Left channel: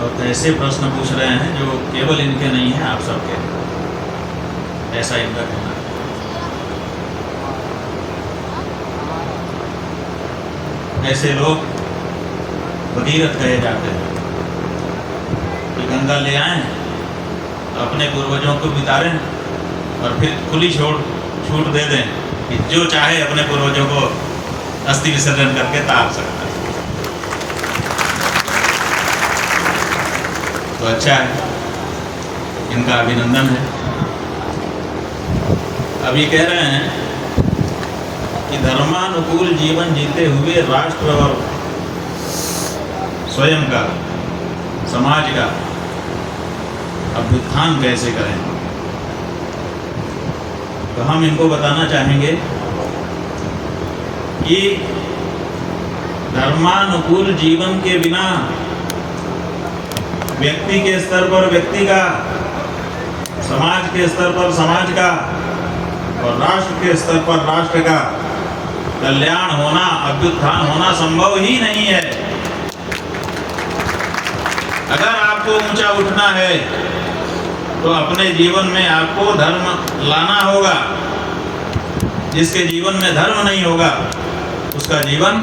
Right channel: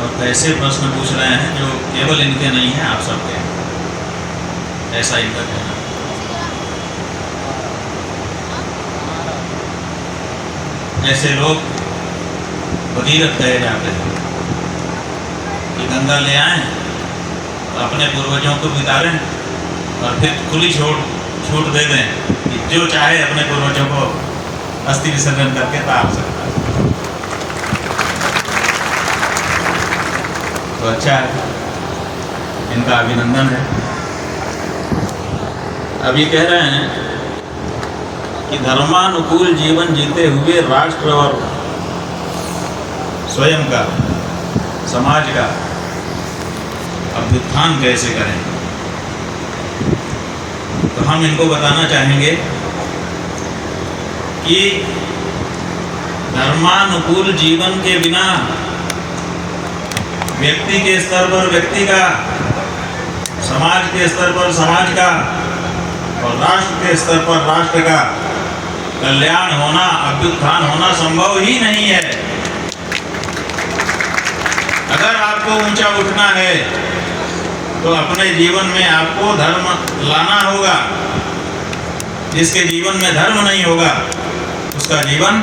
और ऐसे प्रश्न पूछ रहे हैं जो केवल इनके नहीं हैं, आप सबके हैं, ऐसा इनका कहना है। ऐसे लोग भगीरथ कहे जाते हैं कि गंगा ले आएं, अपने पूर्वजों को बितारें और फिर खुली छूट दे दें कि जो चाहे अपने पूर्वजों को अस्थि विसर्जन करके तार सकता है। तो अच्छा है, इनका अभिनंदन है। अभी कह रहे हैं कि धर्मानुकूल जीवन जीते हुए राष्ट्र और स्वयं का, समाज का अभ्युत्थान कैसे करें। तो हम इनको बताना चाहेंगे कि धर्मानुकूल जीवन के बिना व्यक्ति के स्तर पर व्यक्ति का, समाज के स्तर पर समाज का और राष्ट्र के स्तर पर राष्ट्र का कल्याण होना, अभ्युत्थान होना संभव ही नहीं है। अगर आपको ऊंचा उठना है तो अपने जीवन में आपको धर्म लाना होगा। जिसके जीवन में धर्म नहीं होगा उसका जीवन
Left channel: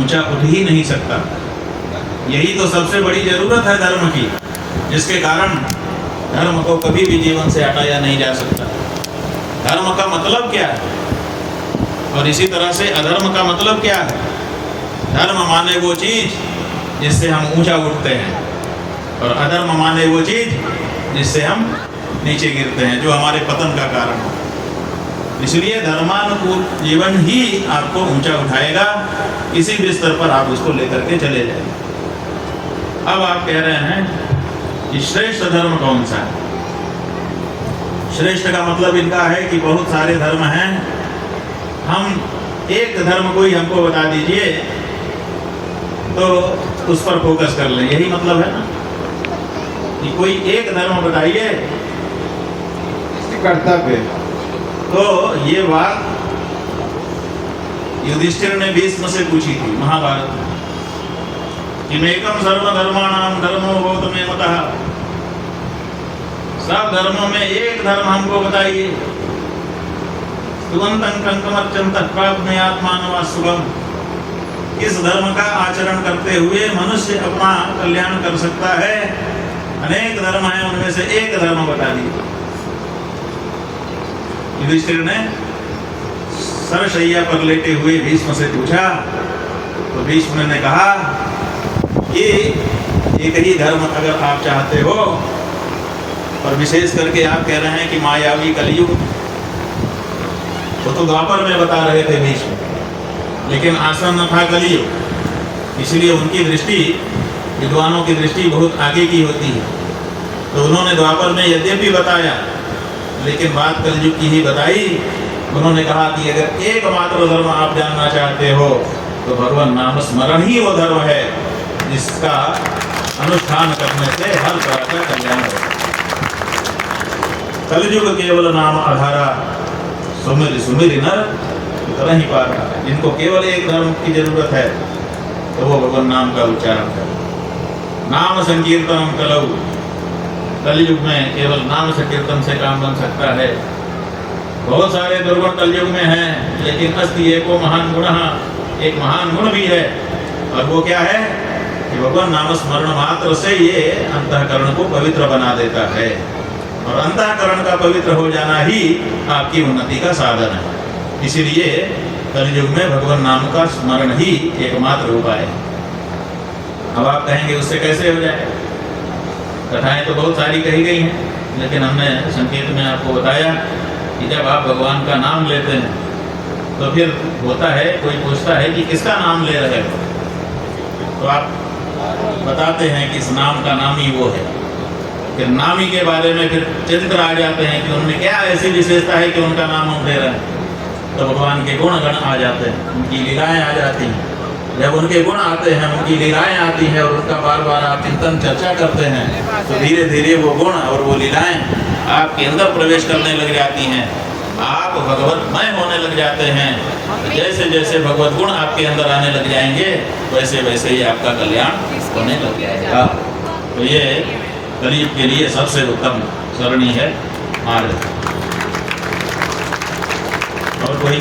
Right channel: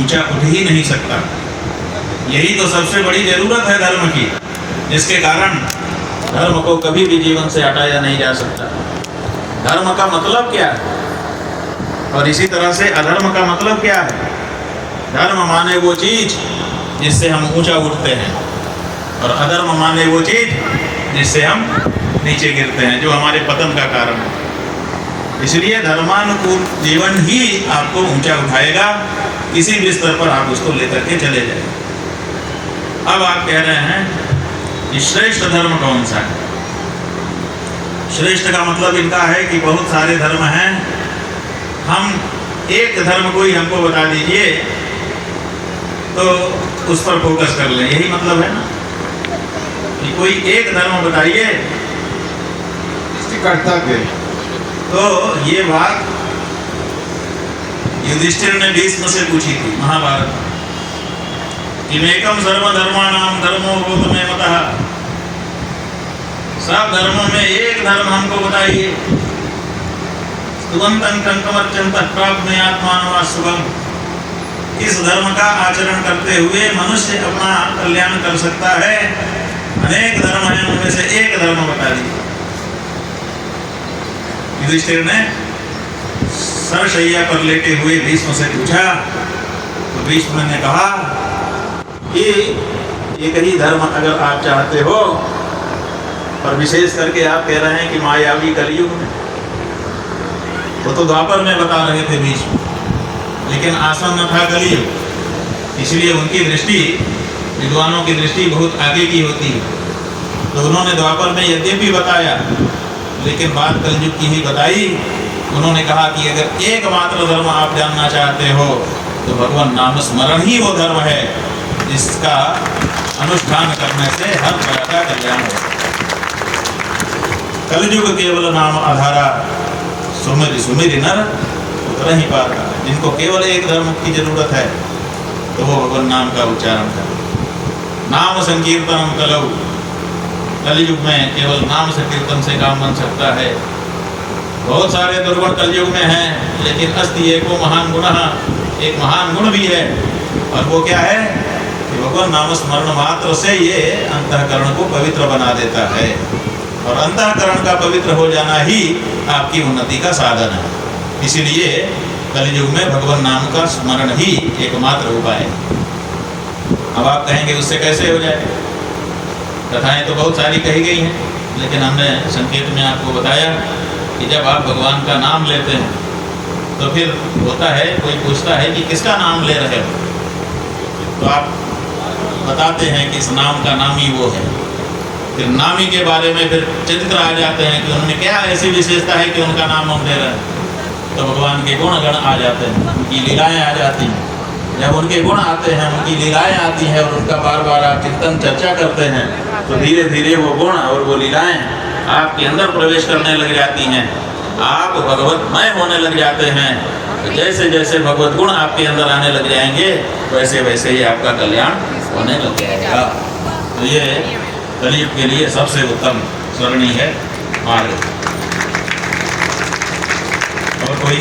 ऊंचा उठ ही नहीं सकता। यही तो सबसे बड़ी जरूरत है धर्म की, जिसके कारण धर्म को कभी भी जीवन से हटाया नहीं जा सकता। धर्म का मतलब क्या है और इसी तरह से अधर्म का मतलब क्या है। धर्म माने वो चीज जिससे हम ऊंचा उठते हैं और अधर्म माने वो चीज जिससे हम नीचे गिरते हैं, जो हमारे पतन का कारण है। इसलिए धर्मानुकूल जीवन ही आपको ऊंचा उठाएगा, किसी भी स्तर पर आप उसको लेकर के चले जाएं। अब आप कह रहे हैं कि श्रेष्ठ धर्म कौन सा है। श्रेष्ठ का मतलब इनका है कि बहुत सारे धर्म हैं, हम एक धर्म को ही हमको बता दीजिए तो उस पर फोकस कर लें, यही मतलब है ना कि कोई एक धर्म बताइए कर्तव्य। तो ये बात युधिष्ठिर ने भीष्म से पूछी थी महाभारत कि मेकम सर्वधर्माणाम धर्मो गौतमे मतः। सब धर्मों में एक धर्म हमको बताइए। स्तुवन्तं कंकमर्चन्तः प्राप्नुयात्मानं शुभम्। किस धर्म का आचरण करते हुए मनुष्य अपना कल्याण कर सकता है। अनेक धर्म हैं, उनमें से एक धर्म बता दीजिए। युधिष्ठिर ने सरशैया पर लेटे हुए भीष्म से पूछा तो भीष्म ने कहा कि एक ही धर्म अगर आप चाहते हो, और विशेष करके आप कह रहे हैं कि मायावी कलयुग, वो तो द्वापर में बता रहे थे भीष्म, लेकिन आसन्न था कलयुग, इसलिए उनकी दृष्टि, विद्वानों की दृष्टि बहुत आगे की होती है। तो उन्होंने द्वापर में यद्यपि बताया लेकिन बात कलयुग की ही बताई। उन्होंने कहा कि अगर एकमात्र धर्म आप जानना चाहते हो तो भगवान नाम स्मरण ही वो धर्म है जिसका अनुष्ठान करने से हर तरह का कल्याण हो। कलयुग केवल नाम आधारा, सुमिर सुमिर नर उतर ही पारा। जिनको केवल एक धर्म की जरूरत है तो वो भगवान नाम का उच्चारण करे। नाम संकीर्तनम कलौ। कलयुग में केवल नाम संकीर्तन से काम बन सकता है। बहुत सारे दुर्गुण कलयुग में हैं, लेकिन अस्ति एको महान गुण, एक महान गुण भी है, और वो क्या है कि भगवान नाम स्मरण मात्र से ये अंतःकरण को पवित्र बना देता है, और अंतःकरण का पवित्र हो जाना ही आपकी उन्नति का साधन है। इसीलिए कलयुग में भगवान नाम का स्मरण ही एकमात्र उपाय है। अब आप कहेंगे उससे कैसे हो जाए। कथाएं तो बहुत सारी कही गई हैं, लेकिन हमने संकेत में आपको बताया कि जब आप भगवान का नाम लेते हैं तो फिर होता है, कोई पूछता है कि किसका नाम ले रहे हो, तो आप बताते हैं कि इस नाम का नाम ही वो है। फिर नामी के बारे में फिर चिंतन आ जाते हैं कि उनमें क्या ऐसी विशेषता है कि उनका नाम हम ले रहे हैं। तो भगवान के गुण गण आ जाते हैं, उनकी लीलाएं आ जाती हैं। जब उनके गुण आते हैं, उनकी लीलाएं आती हैं और उनका बार बार आप चिंतन चर्चा करते हैं तो धीरे धीरे वो गुण और वो लीलाएं आपके अंदर प्रवेश करने लग जाती हैं। आप भगवतमय होने लग जाते हैं। तो जैसे जैसे भगवत गुण आपके अंदर आने लग जाएंगे वैसे वैसे ही आपका कल्याण होने लग जाएगा। तो ये कलयुग के लिए सबसे उत्तम सरणी है मार्ग। और कोई